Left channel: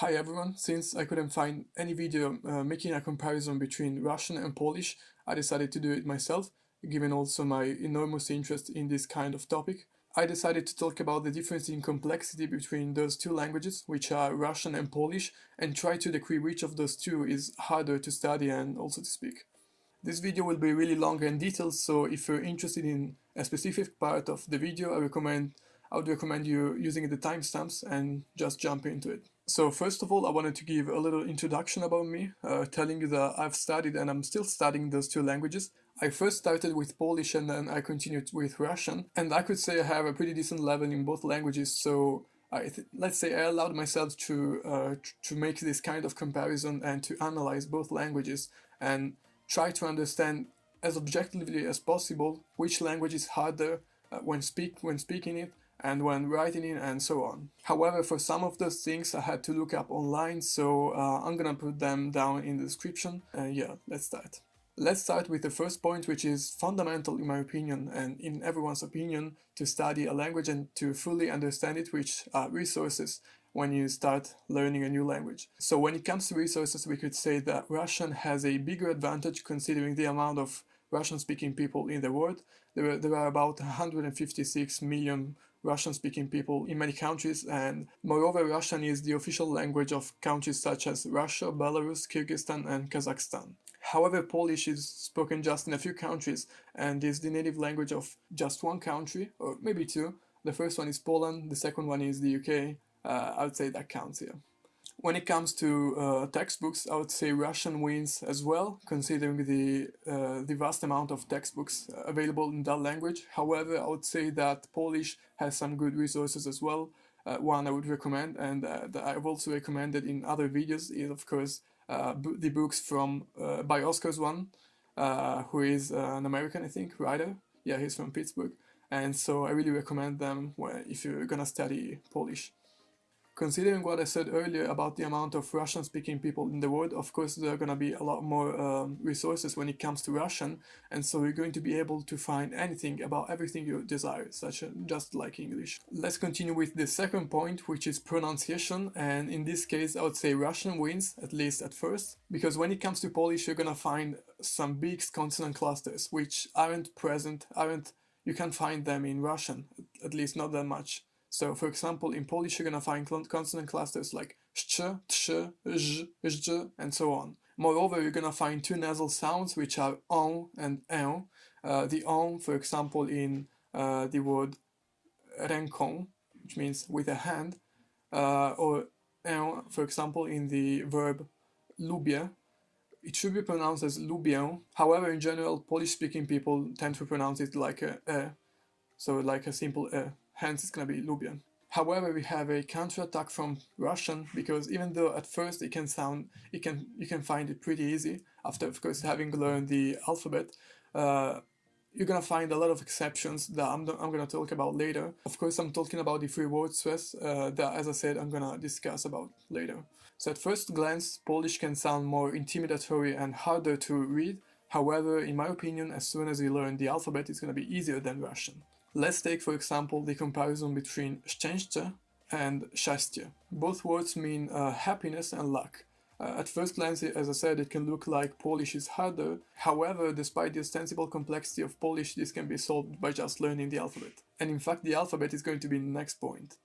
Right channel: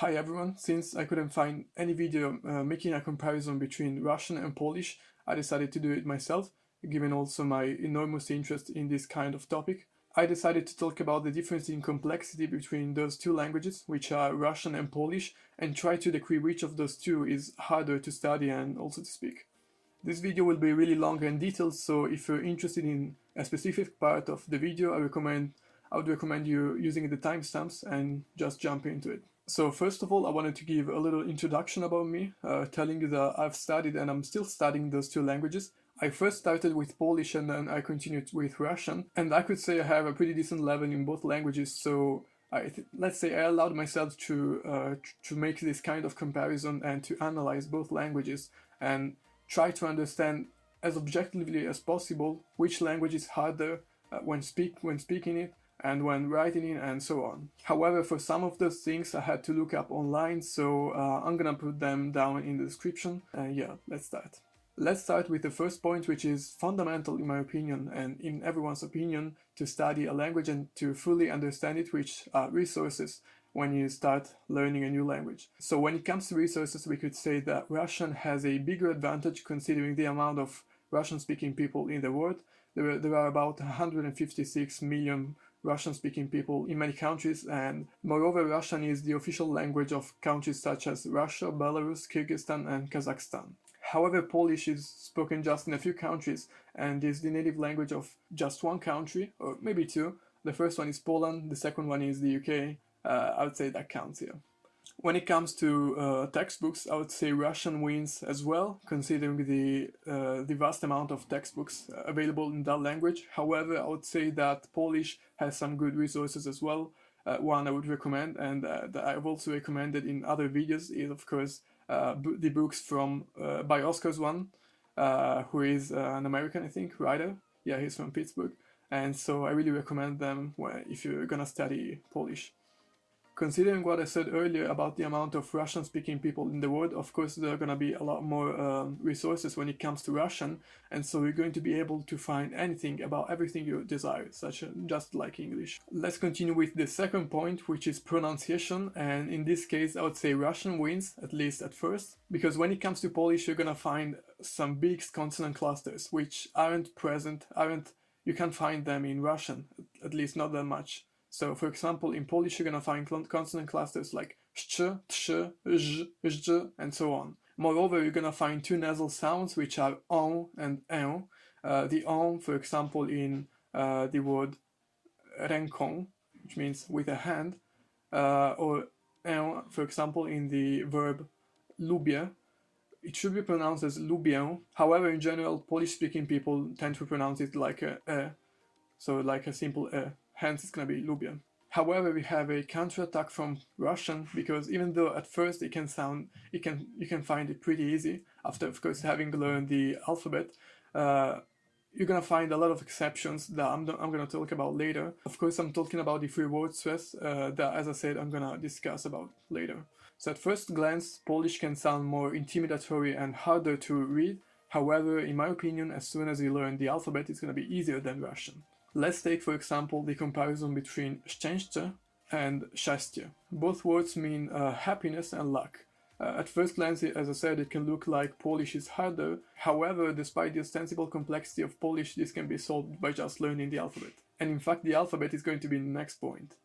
Hi everyone, since I couldn't find any video making a comparison between Russian and Polish, I decided to do it myself, given also my enormous interest in this kind of topic. I decided to talk about the difference in complexity between those two languages, which are Russian and Polish, and try to decree which of those two is harder to study and also to speak. This video will be really long and detailed, so if you're interested in a specific part of the video, I would recommend you using the timestamps and just jump into it. So first of all, I wanted to give a little introduction about me, telling you that I've studied and I'm still studying those two languages. I first started with Polish and then I continued with Russian, and I could say I have a pretty decent level in both languages, so let's say I allowed myself to make this kind of comparison and to analyze both languages and try to understand as objectively as possible which language is harder when speaking it and when writing it and so on. However, for some of those things I had to look up online, so I'm gonna put them down in the description. Yeah, let's start. Let's start with the first point, which is fundamental in my opinion and in everyone's opinion to study a language and to fully understand it, which are resources when you start learning a new language. So when it comes to resources, we could say that Russian has a bigger advantage considering the amount of Russian-speaking people in the world. There are about 156 million Russian-speaking people in many countries, and moreover, Russian is the official language of countries such as Russia, Belarus, Kyrgyzstan, and Kazakhstan. However, Polish is spoken just in a few countries and is the native language of just one country, or maybe two. The first one is Poland, the second one is the UK. I would say that counts here. When it comes to textbooks, I would say Russian wins as well, considering the vast amount of textbooks available in that language. However, I would say that Polish has some good resources as well. One I would recommend, and that I've also recommended in other videos, is of course the books from by Oscar Zwan, who is an American, I think, writer. Yeah, he's from Pittsburgh, and so I really recommend them if you're gonna study Polish. Considering what I said earlier about the amount of Russian-speaking people in the world, of course there are going to be a lot more resources when it comes to Russian, and so you're going to be able to find anything about everything you desire, such as just like English. Let's continue with the second point, which is pronunciation, and in this case I would say Russian wins, at least at first, because when it comes to Polish you're going to find some big consonant clusters which aren't present, you can't find them in Russian, at least not that much. So, for example, in Polish, you're gonna find consonant clusters like sh, sh, zh, zh, and so on. Moreover, you're gonna find two nasal sounds, which are on and en. The on, for example, in the word ręką, which means with a hand, or en, for example, in the verb lubię. It should be pronounced as lubię. However, in general, Polish-speaking people tend to pronounce it like a, so like a simple hence it's gonna be lubię. However, we have a counterattack from Russian, because even though at first you can find it pretty easy after, of course, having learned the alphabet, you're gonna find a lot of exceptions that I'm gonna talk about later. Of course, I'm talking about the three word stress that, as I said, I'm gonna discuss about later. So at first glance, Polish can sound more intimidatory and harder to read. However, in my opinion, as soon as you learn the alphabet, it's gonna be easier than Russian. Let's take, for example, the comparison between szczęście and szczęście. Both words mean happiness and luck. At first glance, as I said, it can look like Polish is harder. However, despite the ostensible complexity of Polish, this can be solved by just learning the alphabet. And in fact, the alphabet is going to be the next point.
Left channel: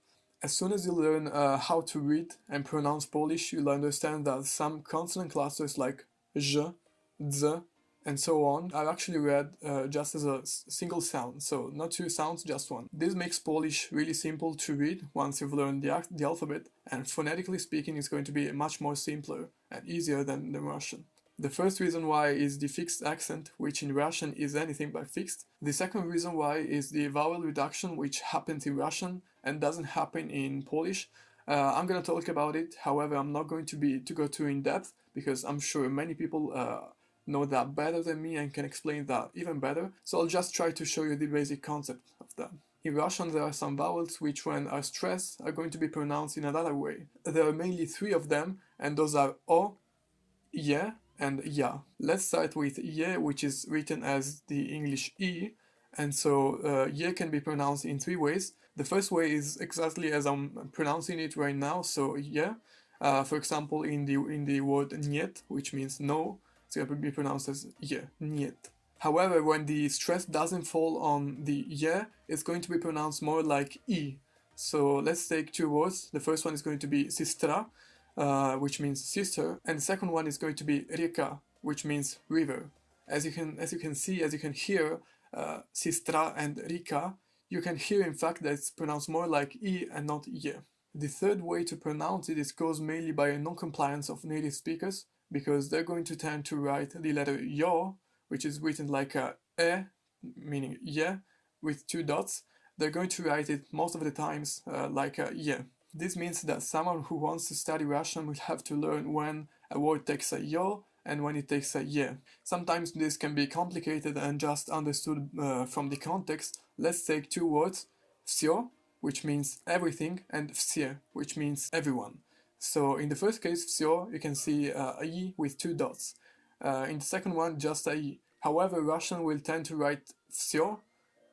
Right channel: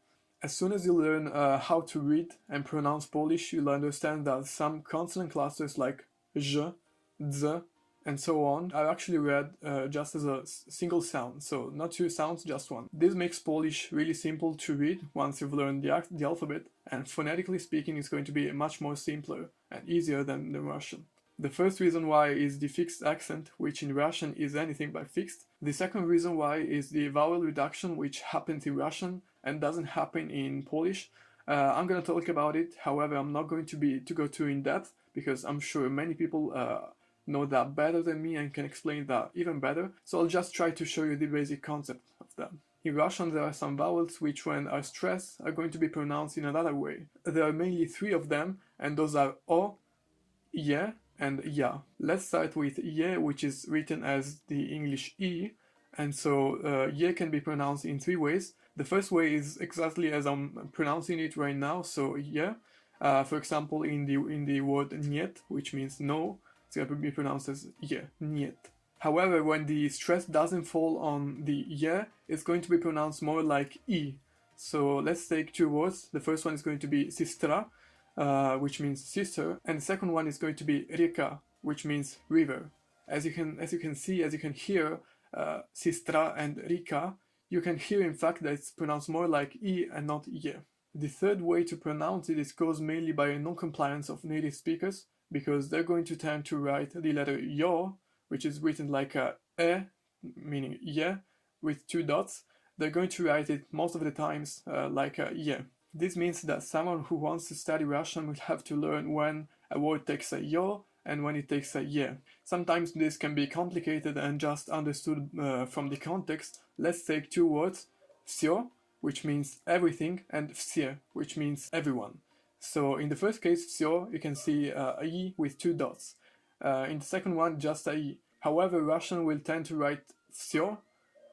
As soon as you learn how to read and pronounce Polish, you'll understand that some consonant clusters like ż, dz, and so on are actually read just as a single sound, so not two sounds, just one. This makes Polish really simple to read once you've learned the alphabet, and phonetically speaking it's going to be much more simpler and easier than the Russian. The first reason why is the fixed accent, which in Russian is anything but fixed. The second reason why is the vowel reduction, which happens in Russian and doesn't happen in Polish. I'm gonna talk about it, however I'm not going to go too in depth, because I'm sure many people know that better than me and can explain that even better, so I'll just try to show you the basic concept of them. In Russian there are some vowels which, when are stressed, are going to be pronounced in another way. There are mainly three of them, and those are o, ye, and ya. Let's start with ye, which is written as the English e, and so ye can be pronounced in three ways. The first way is exactly as I'm pronouncing it right now, so ye. For example, in the word niet, which means no, it's going to be pronounced as ye, niet. However, when the stress doesn't fall on the ye, it's going to be pronounced more like i. So let's take two words. The first one is going to be sistra, which means sister, and the second one is going to be reka, which means river. As you can see, as you can hear, sistra and rika, you can hear in fact that it's pronounced more like i and not ye. The third way to pronounce it is caused mainly by a non-compliance of native speakers, because they're going to tend to write the letter yo, which is written like a e, meaning ye, with two dots. They're going to write it most of the times like a ye. This means that someone who wants to study Russian will have to learn when a word takes a yo and when it takes a ye. Sometimes this can be complicated and just understood from the context. Let's take two words, всё, which means everything, and все, which means everyone. So in the first case, всё, you can see a e with two dots. In the second one, just a e. However, Russian will tend to write всё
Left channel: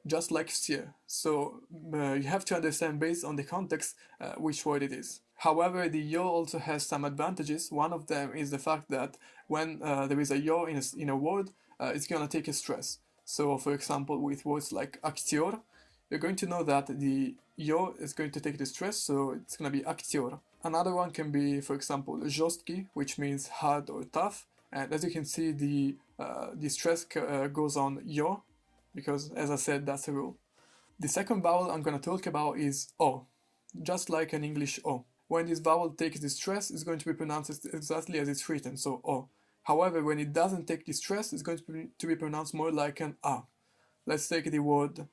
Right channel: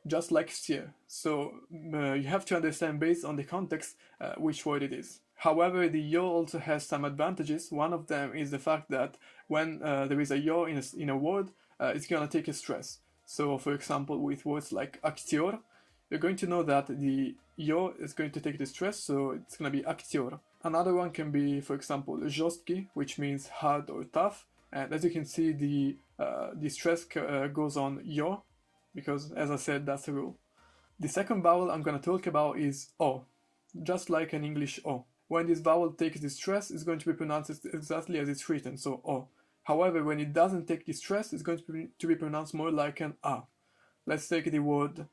just like все. So you have to understand based on the context which word it is. However, the yo also has some advantages. One of them is the fact that when there is a yo in a word, it's gonna take a stress. So for example, with words like актер, you're going to know that the yo is going to take the stress, so it's gonna be актер. Another one can be, for example, жесткий, which means hard or tough. And as you can see, the stress goes on yo, because as I said, that's a rule. The second vowel I'm going to talk about is O, just like an English O. When this vowel takes the stress, it's going to be pronounced exactly as it's written, so O. However, when it doesn't take the stress, it's going to be pronounced more like an A. Let's take the word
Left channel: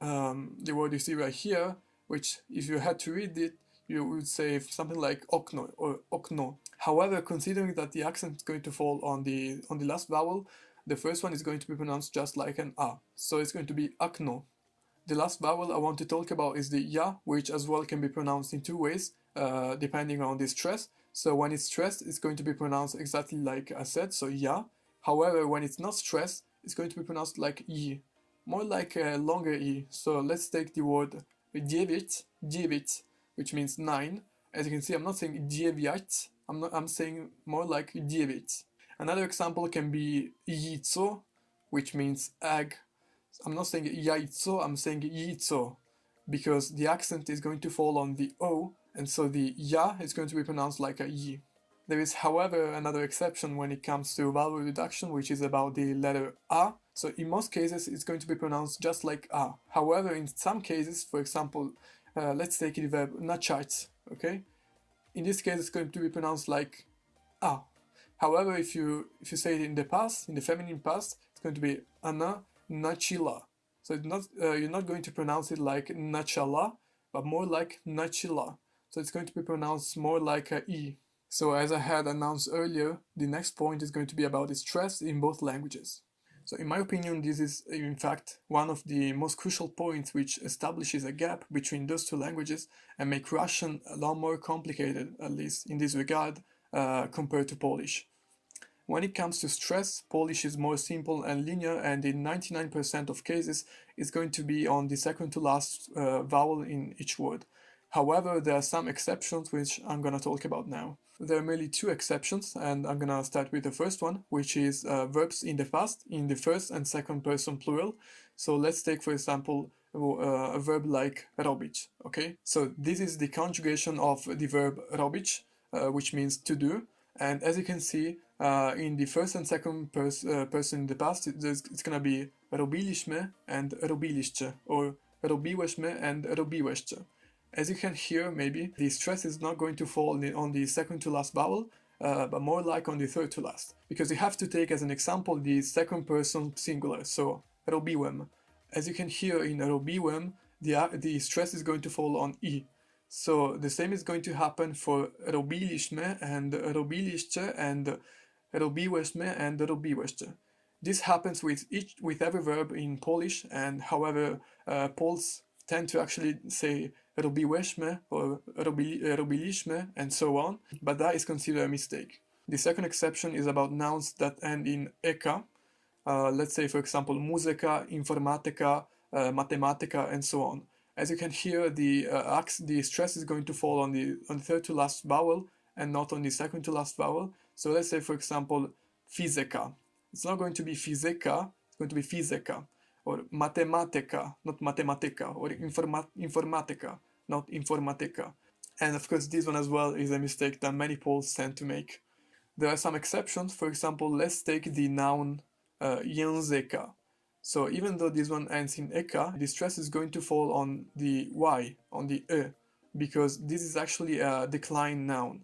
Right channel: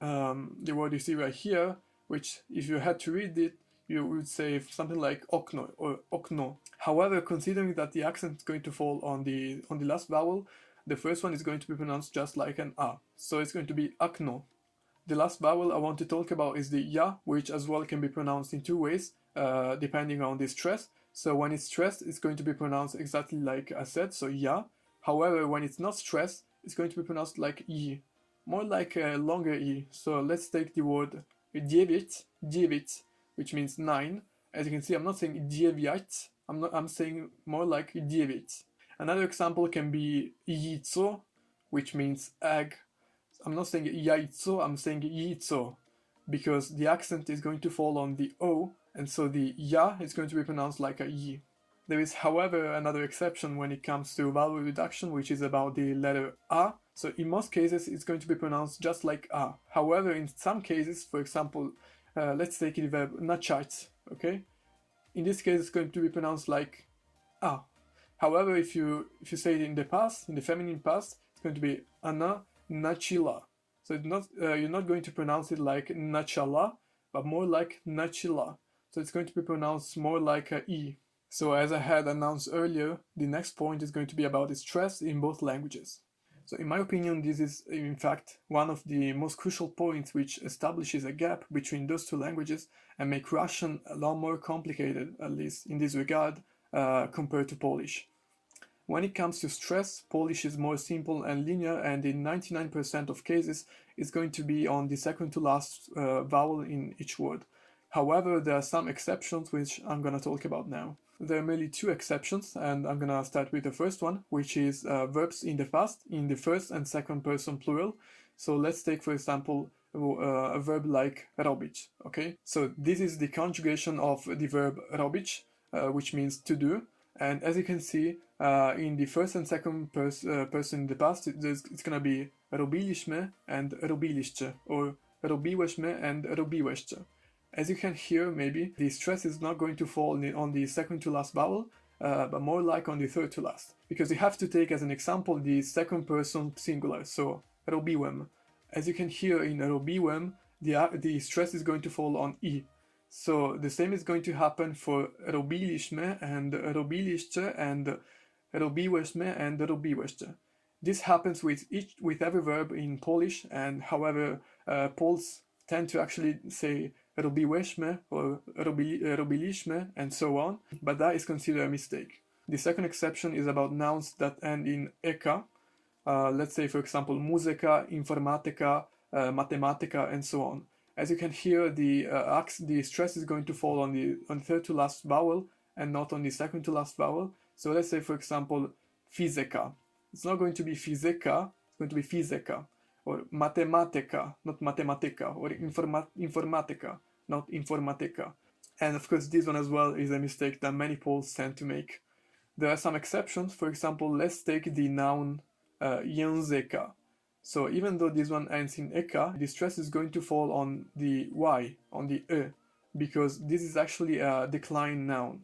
you see right here, which if you had to read it, you would say something like okno or okno. However, considering that the accent is going to fall on the last vowel, the first one is going to be pronounced just like an A, so it's going to be akno. The last vowel I want to talk about is the ya, which as well can be pronounced in two ways, depending on the stress. So when it's stressed, it's going to be pronounced exactly like I said, so ya. However, when it's not stressed, it's going to be pronounced like yi, more like a longer e. So let's take the word девять, which means 9. As you can see, I'm not saying девять, I'm saying more like девять. Another example can be яйцо, which means egg. I'm not saying яйцо, I'm saying яйцо, because the accent is going to fall on the O, and so the ya is going to be pronounced like a y. There is, however, another exception when it comes to vowel reduction, which is about the letter A. So in most cases, it's going to be pronounced just like A. However, in some cases, for example, let's take the verb начать, okay? In this case, it's going to be pronounced like A. However, if you say it in the past, in the feminine past, it's going to be она начала. So it's not, you're not going to pronounce it like начала, but more like начала. So it's going to be pronounced more like a E. So as I had announced earlier, the next point is going to be about the stress in both languages. So in my opinion, this is in fact one of the most crucial points which establishes a gap between those two languages and make Russian a lot more complicated, at least in this regard, compared to Polish. When it comes to stress, Polish is more simple and linear, and in 99% of cases, it's going to be on the second to last vowel in each word. However, there are some exceptions which I'm going to talk about now. There are merely two exceptions, and I'm going to start with the first one, which is verbs in the past, in the first and second person plural. So let's take, for example, a verb like robić, okay? So this is the conjugation of the verb robić, which means to do. And as you can see, in the first and second person in the past, it's going to be robiliśmy and robiliście, or robiłyśmy and robiłyście. As you can hear, maybe, the stress is not going to fall on the second to last vowel, but more like on the third to last. Because you have to take as an example the second person singular, so robiłem. As you can hear in robiłem, the stress is going to fall on I. So the same is going to happen for robiliśmy and robiliście and robiłyśmy and robiłyście. This happens with every verb in Polish, and however, Poles tend to actually say robiłyśmy or robiliśmy and so on, but that is considered a mistake. The second exception is about nouns that end in eka. Let's say, for example, muzyka, informatyka, matematyka, and so on. As you can hear, the stress is going to fall on the third to last vowel, and not on the second to last vowel. So let's say, for example, fizika. It's not going to be fizika, it's going to be fizika. Or matematica, not matematica. Or informatica, not informatica. And of course, this one as well is a mistake that many Poles tend to make. There are some exceptions. For example, let's take the noun języka. So even though this one ends in eka, the stress is going to fall on the y, on the e, because this is actually a declined noun.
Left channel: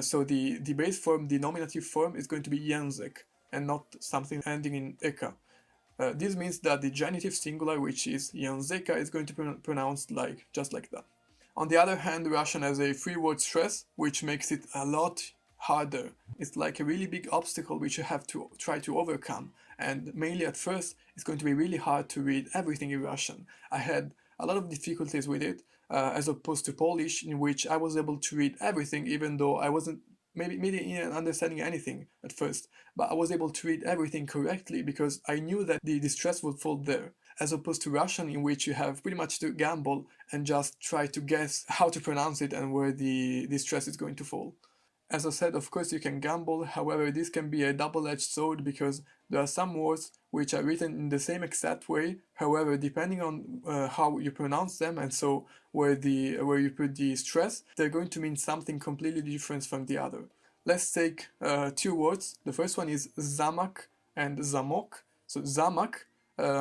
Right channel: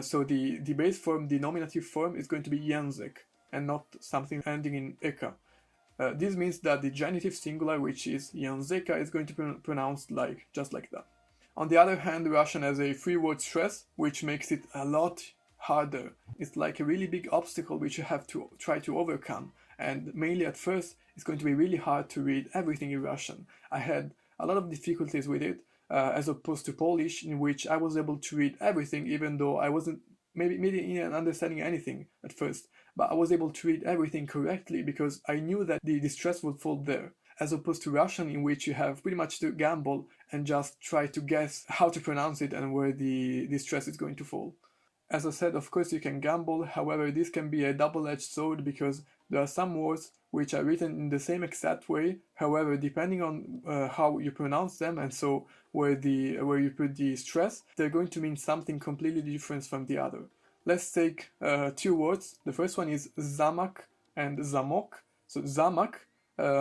So the base form, the nominative form, is going to be język and not something ending in eka. This means that the genitive singular, which is języka, is going to be pronounced just like that. On the other hand, Russian has a three-word stress, which makes it a lot harder. It's like a really big obstacle which you have to try to overcome, and mainly at first it's going to be really hard to read everything in Russian. I had a lot of difficulties with it, as opposed to Polish, in which I was able to read everything even though I wasn't maybe even understanding anything at first, but I was able to read everything correctly because I knew that the stress would fall there, as opposed to Russian, in which you have pretty much to gamble and just try to guess how to pronounce it and where the stress is going to fall. As I said, of course you can gamble, however this can be a double-edged sword because there are some words which are written in the same exact way, however depending on how you pronounce them and so where you put the stress, they're going to mean something completely different from the other. Let's take two words. The first one is zamak and zamok. So zamak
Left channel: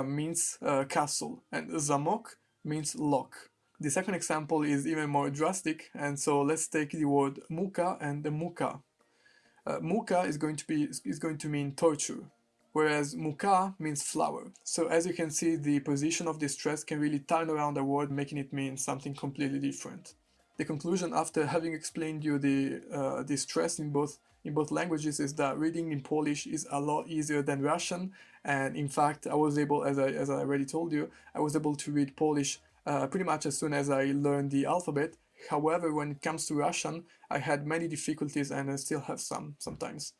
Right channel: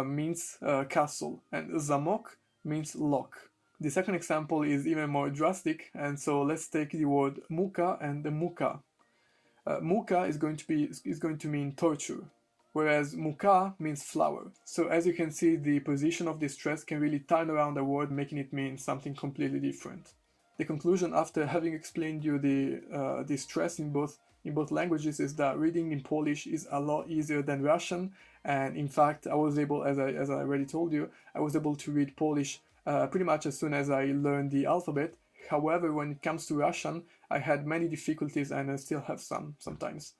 means castle and zamok means lock. The second example is even more drastic, and so let's take the word muka and the muka. Muka is going to mean torture, whereas muka means flower. So as you can see, the position of the stress can really turn around a word, making it mean something completely different. The conclusion, after having explained you the stress in both languages, is that reading in Polish is a lot easier than Russian, and in fact, I was able, as I already told you, I was able to read Polish pretty much as soon as I learned the alphabet. However, when it comes to Russian, I had many difficulties and I still have some sometimes.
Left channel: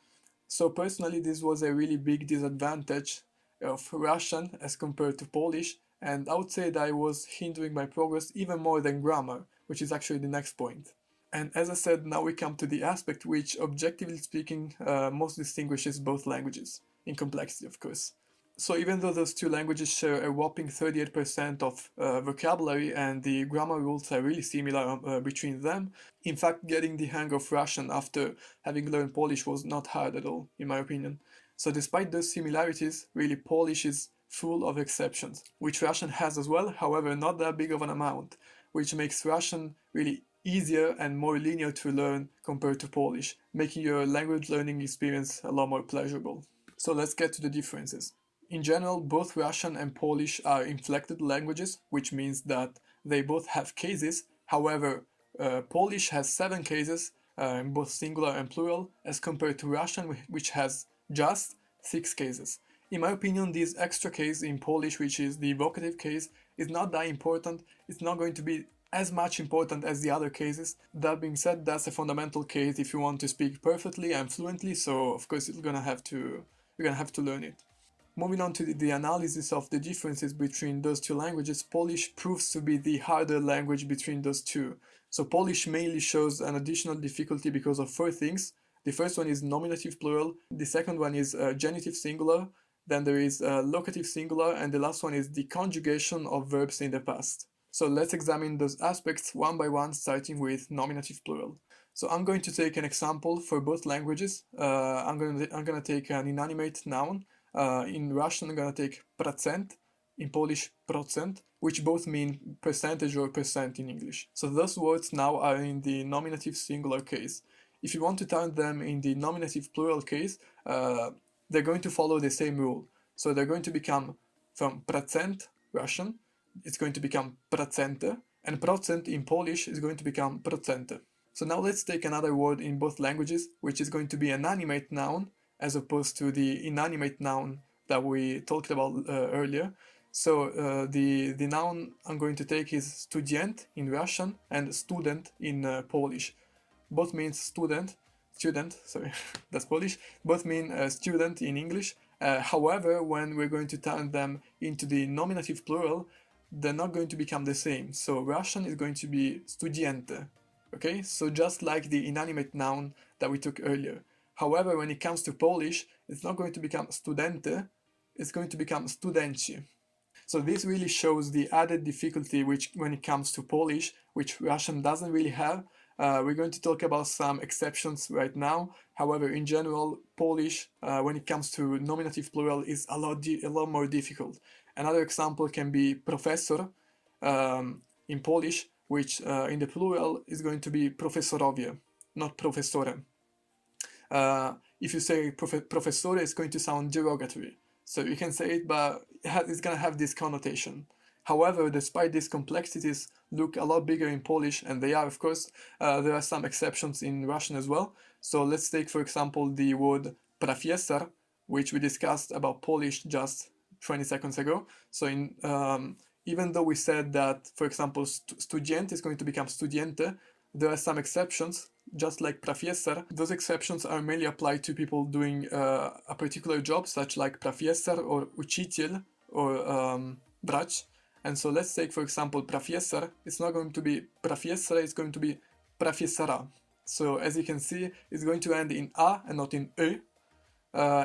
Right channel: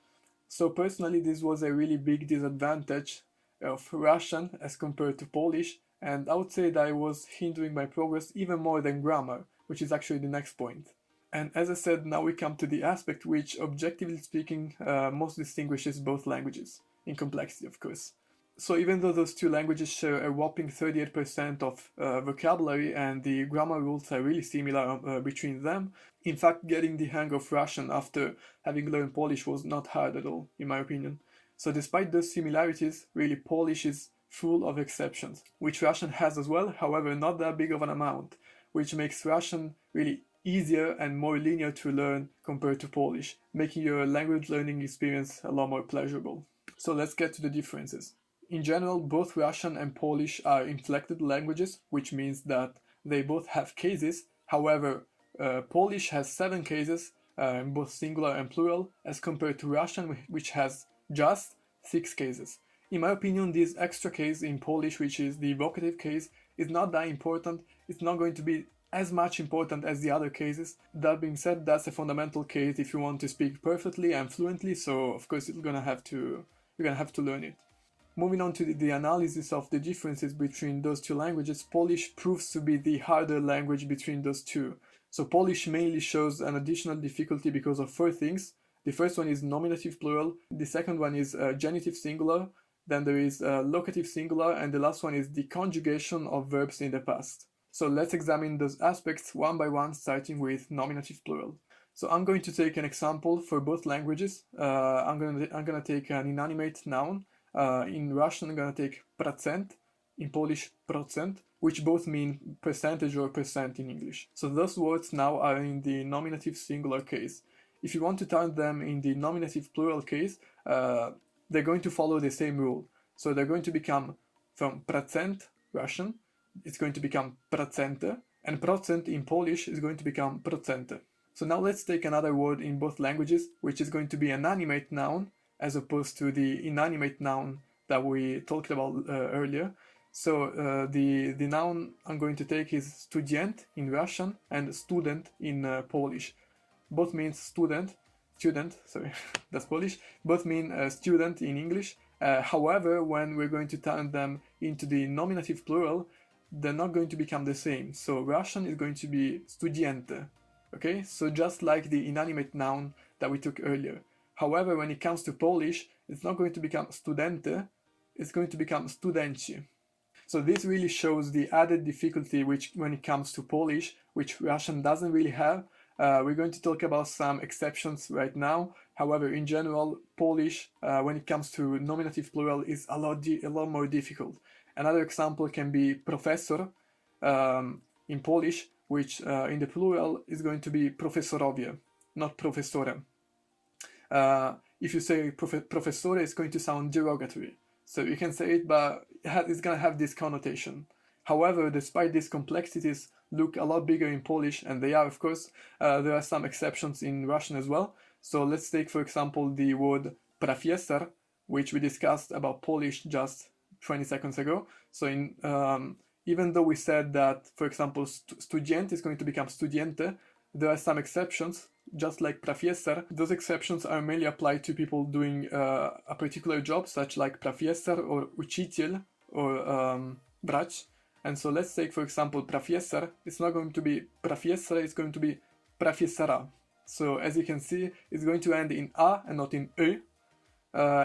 So personally, this was a really big disadvantage of Russian as compared to Polish, and I would say that it was hindering my progress even more than grammar, which is actually the next point. And as I said, now we come to the aspect which, objectively speaking, most distinguishes both languages, in complexity of course. So even though those two languages share a whopping 38% of vocabulary and the grammar rules are really similar between them, in fact getting the hang of Russian after having learned Polish was not hard at all, in my opinion. So despite those similarities, really Polish is full of exceptions, which Russian has as well, however not that big of an amount, which makes Russian really easier and more linear to learn compared to Polish, making your language learning experience a lot more pleasurable. So let's get to the differences. In general, both Russian and Polish are inflected languages, which means that they both have cases. However, Polish has 7 cases, in both singular and plural, as compared to Russian, which has just 6 cases. In my opinion, this extra case in Polish, which is the vocative case, is not that important. It's not going to be as much important as the other cases. That being said, that's a fundamental case if you want to speak perfectly and fluently, so of course you're gonna have to learn it. Moving on to the analysis of the differences between those two languages, Polish proves to be the harder language between those two. So Polish mainly shows an additional difficulty because of 4 things. The first one is nominative plural, the second one is genitive singular, then there is locative singular, and the last one is the conjugation of verbs in the past. So let's examine those aspects one by one, starting with nominative plural. So I'm going to take an example for both languages. I'm gonna take an inanimate noun. In Russian, I'm gonna take procent, in Polish procent, which both mean percentage or percent in English. So those words now are in the nominative singular case. If you want to turn them in the nominative plural case, they're going to follow the same rule. So they're going to become, from procent, Russian, it's going to become procente, and procent in Polish is going to become procente. So now let's take another word in both languages, which is going to be an animate noun, as opposed to the inanimate noun that we talked about earlier. So the noun I'm going to take is student in Russian and student in Polish. Both means student, sorry, that's Polish. Both mean student in English. However, when we're going to turn them into the nominative plural, they're not going to become the same. So Russian is going to be studiente, Okay, so just like the inanimate noun that we took earlier. However, when it comes to Polish, it's not going to become studente, it's going to become studenci. So this really shows the added difficulty which when it comes to Polish, which Russian doesn't really have. We're going to talk about some exceptions right now. However, in general, Polish, when it comes to nominative plural, is a lot more difficult. Another example can be professor in Polish, which in the plural is going to be profesorowie, not professorem. If you say professore, it's going to sound derogatory. So you can say it, but it's going to have this connotation. However, despite these complexities look a lot bigger in Polish, and they are, of course, there are some exceptions in Russian as well. So let's take, for example, the word profesor, which we discussed about Polish just 20 seconds ago. So even though we said that, for example, student is going to become studiente, there are some exceptions, just like professor. Those exceptions are mainly applied to people doing a particular job, such like professor or учитель or brać. And so let's take, for example, professor. It's not going to be professor, it's going to be professora. So as you can see, it's going to end in a and not in ö.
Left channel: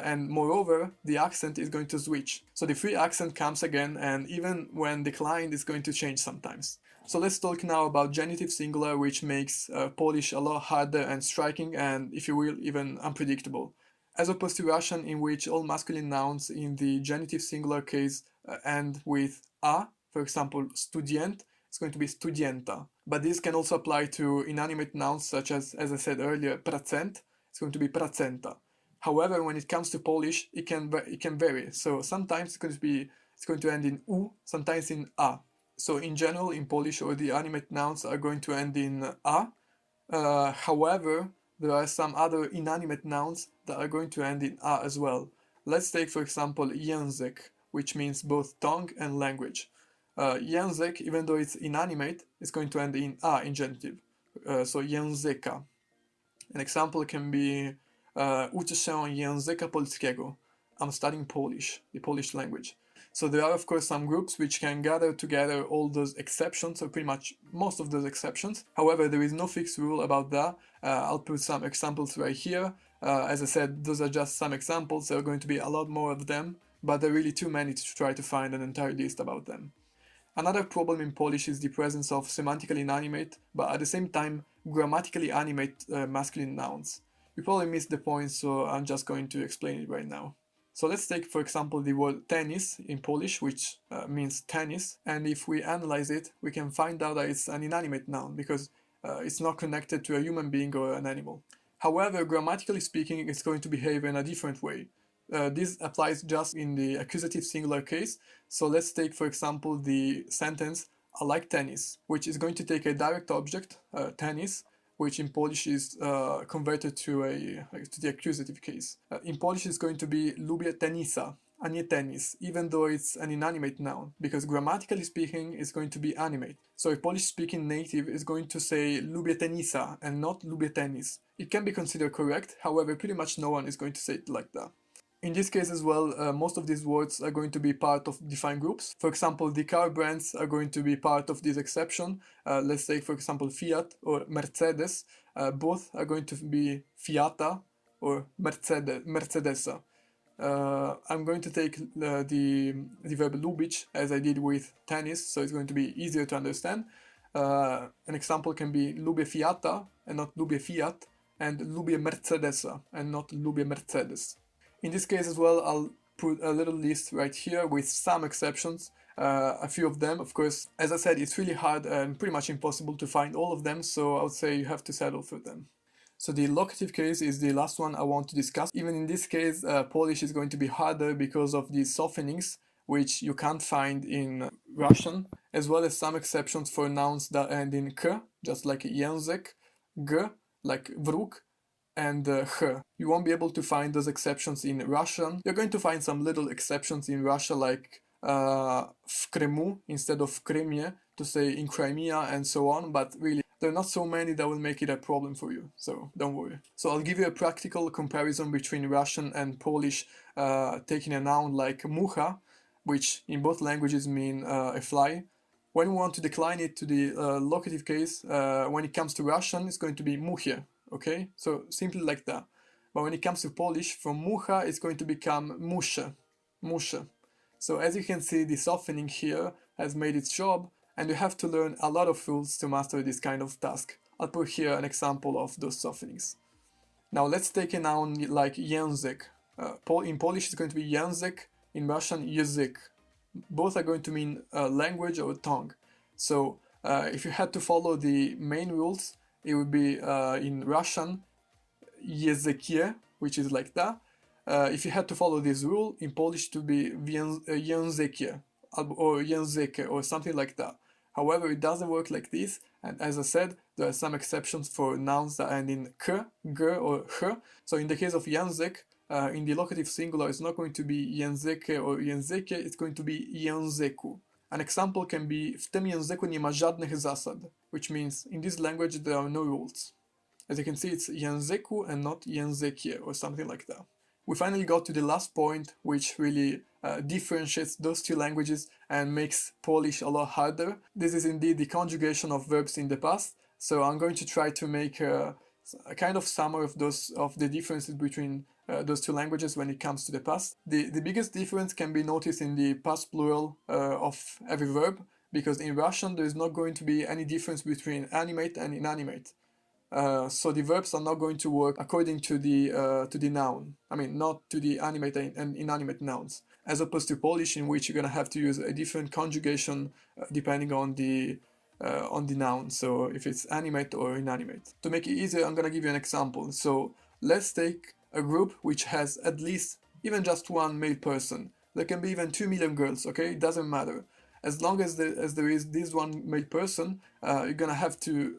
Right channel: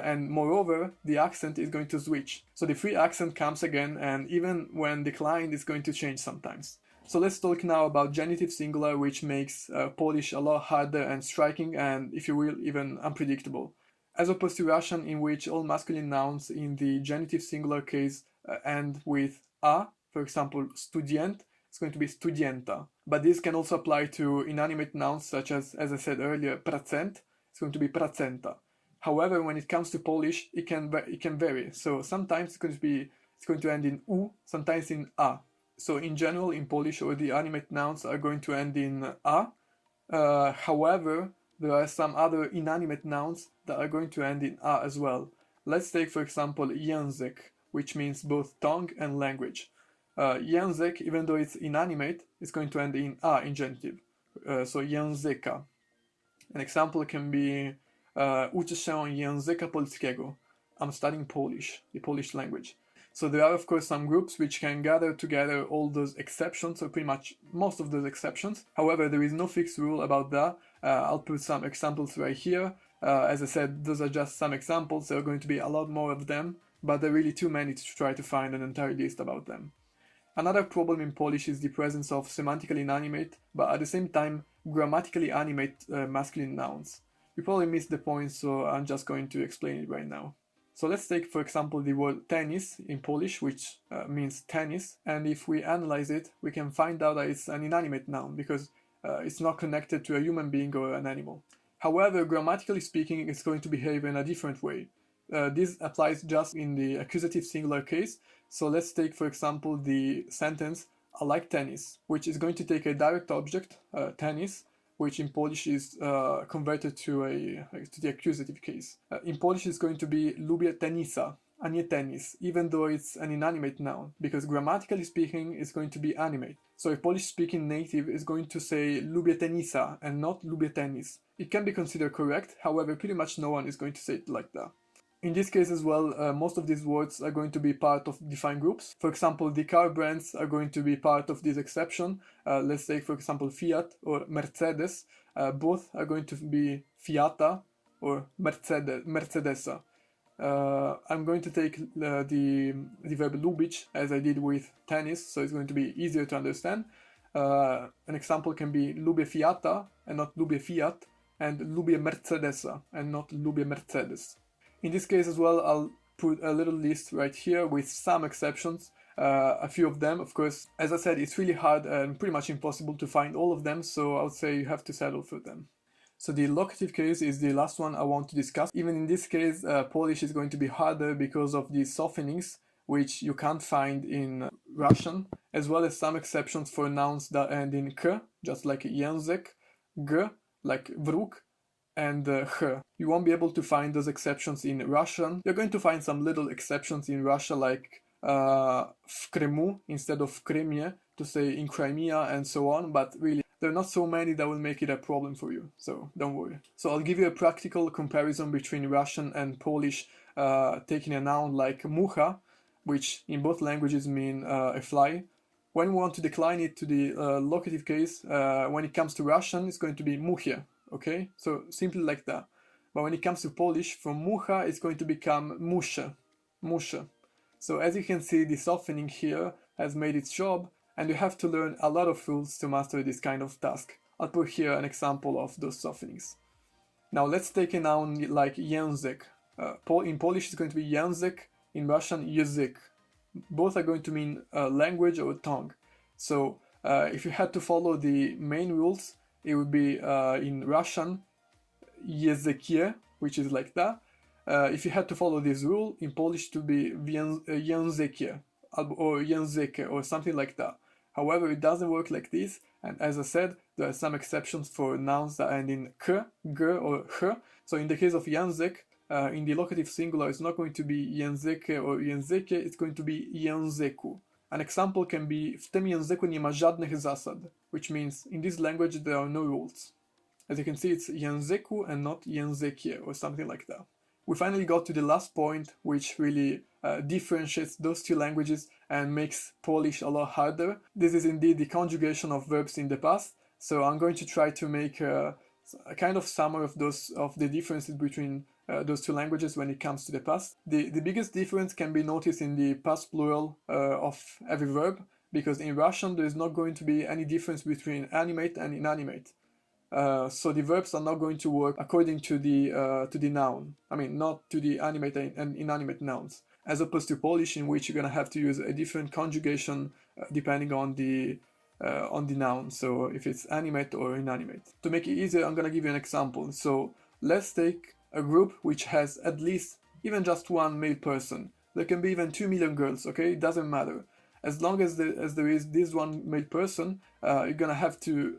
And moreover, the accent is going to switch. So the free accent comes again, and even when declined, it's going to change sometimes. So let's talk now about genitive singular, which makes Polish a lot harder and striking, and if you will, even unpredictable. As opposed to Russian, in which all masculine nouns in the genitive singular case end with a, for example, student, it's going to be studienta. But this can also apply to inanimate nouns such as I said earlier, procent, it's going to be procenta. However, when it comes to Polish, it can vary. So sometimes it's going to end in u, sometimes in a. So in general, in Polish, all the animate nouns are going to end in a. However, there are some other inanimate nouns that are going to end in a as well. Let's take, for example, język, which means both tongue and language. Język, even though it's inanimate, is going to end in a in genitive. So języka. An example can be uczę się języka polskiego. I'm studying Polish, the Polish language. So there are, of course, some groups which can gather together all those exceptions, or pretty much most of those exceptions. However, there is no fixed rule about that. I'll put some examples right here. As I said, those are just some examples. There are going to be a lot more of them, but there are really too many to try to find an entire list about them. Another problem in Polish is the presence of semantically inanimate, but at the same time, grammatically animate masculine nouns. You probably missed the point, so I'm just going to explain it right now. So let's take, for example, the word tennis in Polish, which means tennis, and if we analyze it, we can find out that it's an inanimate noun because it's not connected to a human being or an animal. However, grammatically speaking, it's going to behave in a different way. This applies just in the accusative singular case. So let's take, for example, the sentence I like tennis, which is going to take a direct object, tennis, which in Polish is converted to the accusative case. In Polish, it's going to be lubię tenisa, a nie tenis, even though it's an inanimate noun, because grammatically speaking, it's going to be animate. So a Polish-speaking native is going to say lubię tenisa and not lubię tenis. It can be considered correct, however, pretty much no one is going to say it like that. In this case as well, most of these words are going to be part of defined groups. For example, the car brands are going to be part of this exception. Let's take, for example, Fiat or Mercedes. Both are going to be Fiata or Mercedesa. I'm going to take the verb lubić as I did with tennis, so it's going to be easier to understand. An example can be lubię Fiata and not lubię Fiat, and lubię Mercedesa and not lubię Mercedes. In this case as well, I'll put a little list right here with some exceptions, a few of them. Of course, as I said, it's really hard and pretty much impossible to find all of them, so I would say you have to settle for them. So the locative case is the last one I want to discuss. Even in this case, Polish is going to be harder because of the softenings, which you can't find in Russian, as well as some exceptions for nouns that end in k, just like język, g, like wróg, and h. You won't be able to find those exceptions in Russian. You're going to find some little exceptions in Russia, like w Krymu instead of Krymie, to say in Crimea and so on, but really there are not so many that will make it a problem for you, so don't worry. So I'll give you a practical comparison between Russian and Polish, taking a noun like mucha, which in both languages mean a fly, When we want to decline it to the locative case, when it comes to Russian, it's going to be muche, okay? So simply like that. But when it comes to Polish, from mucha, it's going to become musze, musze. So as you can see, the softening here has made its job, and you have to learn a lot of rules to master this kind of task. I'll put here an example of those softenings. Now let's take a noun like język. In Polish it's going to be język, in Russian język. Both are going to mean language or tongue. So if you had to follow the main rules, it would be in Russian językie, which is like that. If you had to follow this rule, in Polish it would be językie or języke or something like that. However, it doesn't work like this, and as I said, there are some exceptions for nouns that end in k, g, or h. So in the case of język, in the locative singular, it's not going to be języke or językie, it's going to be języku. An example can be w tym języku nie ma żadnych zasad, which means in this language there are no rules. As you can see, it's języku and not językie or something like that. We finally got to the last point, which really differentiates those two languages and makes Polish a lot harder. This is indeed the conjugation of verbs in the past. So I'm going to try to make a kind of summary of the differences between those two languages when it comes to the past. The biggest difference can be noticed in the past plural of every verb, because in Russian there is not going to be any difference between animate and inanimate. So the verbs are not going to work according to the noun. I mean, not to the animate and inanimate nouns, as opposed to Polish, in which you're gonna have to use a different conjugation depending on the noun. So if it's animate or inanimate. To make it easier, I'm gonna give you an example. So let's take a group which has at least even just one male person. There can be even 2 million girls. Okay, it doesn't matter. As long as there is this one male person, you're gonna have to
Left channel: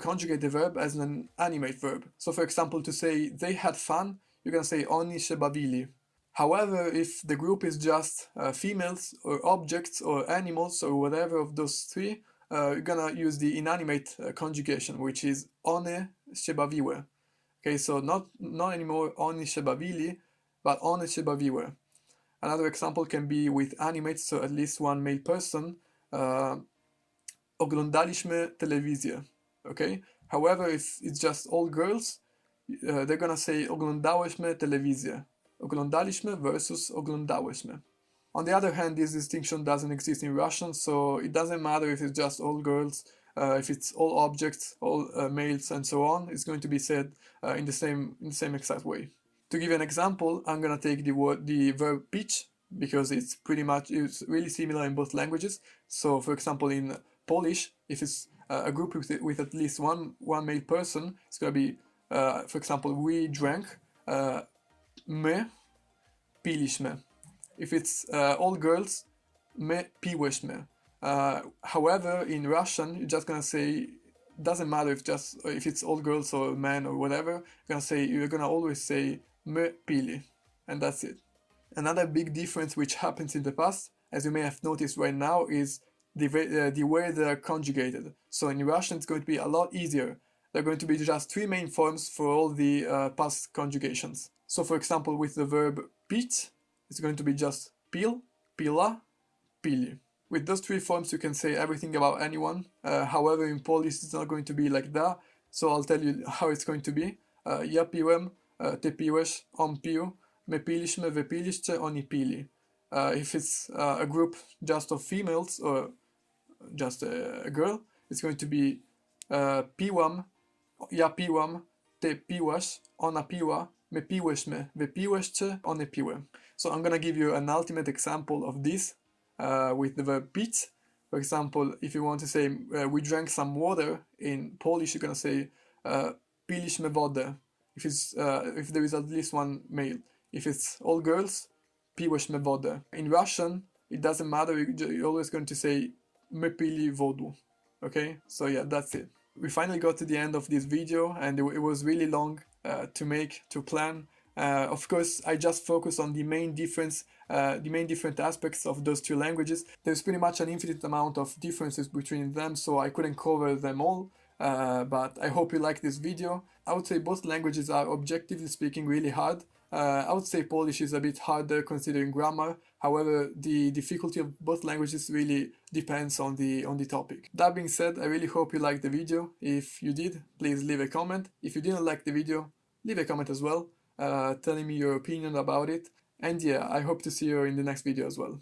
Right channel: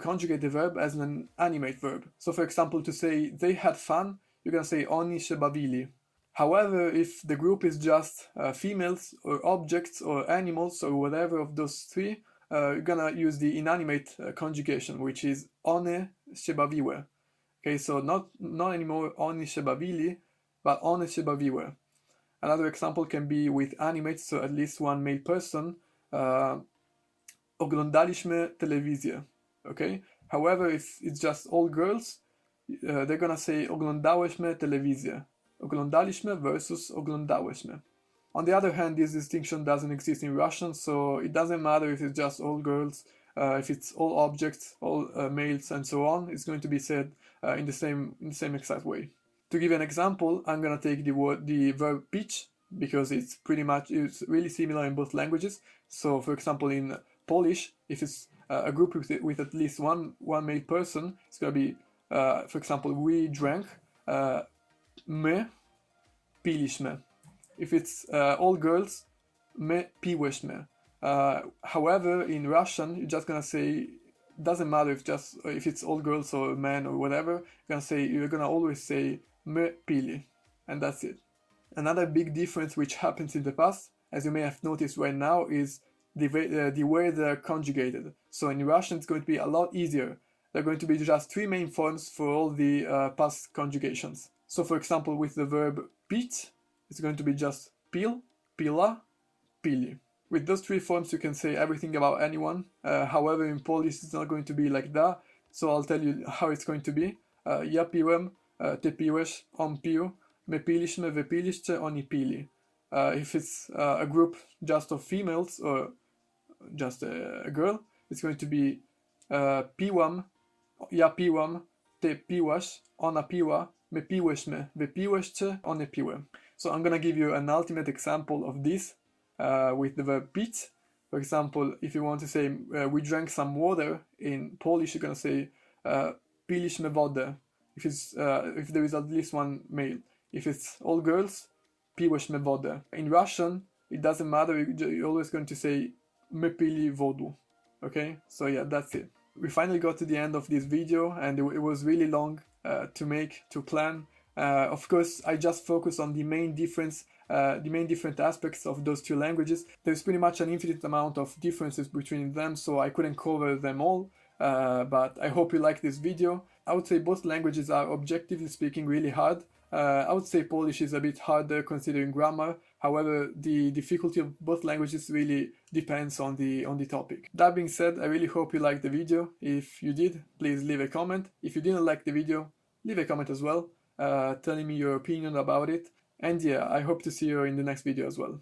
conjugate the verb as an animate verb. So for example, to say they had fun, you're gonna say oni się bawili. However, if the group is just females or objects or animals or whatever of those three, you're gonna use the inanimate conjugation, which is one się bawiły. Okay, so not anymore oni się bawili, but one się bawiły. Another example can be with animates, so at least one male person. Oglądaliśmy telewizję. Okay? However, if it's just all girls, they're gonna say oglądałyśmy telewizję. Oglądaliśmy versus oglądałyśmy. On the other hand, this distinction doesn't exist in Russian, so it doesn't matter if it's just all girls, if it's all objects, all males, and so on. It's going to be said in the same exact way. To give you an example, I'm gonna take the verb pić, because it's really similar in both languages. So for example, in Polish, if it's a group with at least one male person, it's gonna be, for example, we drank, my piliśmy. If it's all girls, my piłyśmy. However, in Russian, you're just gonna say, doesn't matter if it's all girls or men or whatever, you're gonna always say my pili, and that's it. Another big difference which happens in the past, as you may have noticed right now, is the way they are conjugated. So in Russian it's going to be a lot easier. There are going to be just 3 main forms for all the past conjugations. So for example, with the verb pić, it's going to be just pil, pila, pili. With those 3 forms you can say everything about anyone. However, in Polish it's not going to be like that, so I'll tell you how it's going to be. Ja piłem, ty piłeś, on pił, my piliśmy, wy piliście, oni pili. If it's a group just of females or just a girl, it's going to be piłam, ja piłam, ty piłaś, ona piła, my piłyśmy, wy piłyście, one piły. So I'm gonna give you an ultimate example of this with the verb pić. For example, if you want to say we drank some water, in Polish you're gonna say piliśmy wodę. If there is at least one male. If it's all girls, piłyśmy wodę. In Russian, it doesn't matter, you're always going to say my pili wodu. Okay, so yeah, that's it. We finally got to the end of this video, and it was really long to plan. Of course, I just focus on the main different aspects of those two languages. There's pretty much an infinite amount of differences between them, so I couldn't cover them all. But I hope you like this video. I would say both languages are, objectively speaking, really hard. I would say Polish is a bit harder considering grammar. However, the difficulty of both languages really depends on the topic. That being said, I really hope you liked the video. If you did, please leave a comment. If you didn't like the video, leave a comment as well, telling me your opinion about it. And yeah, I hope to see you in the next video as well.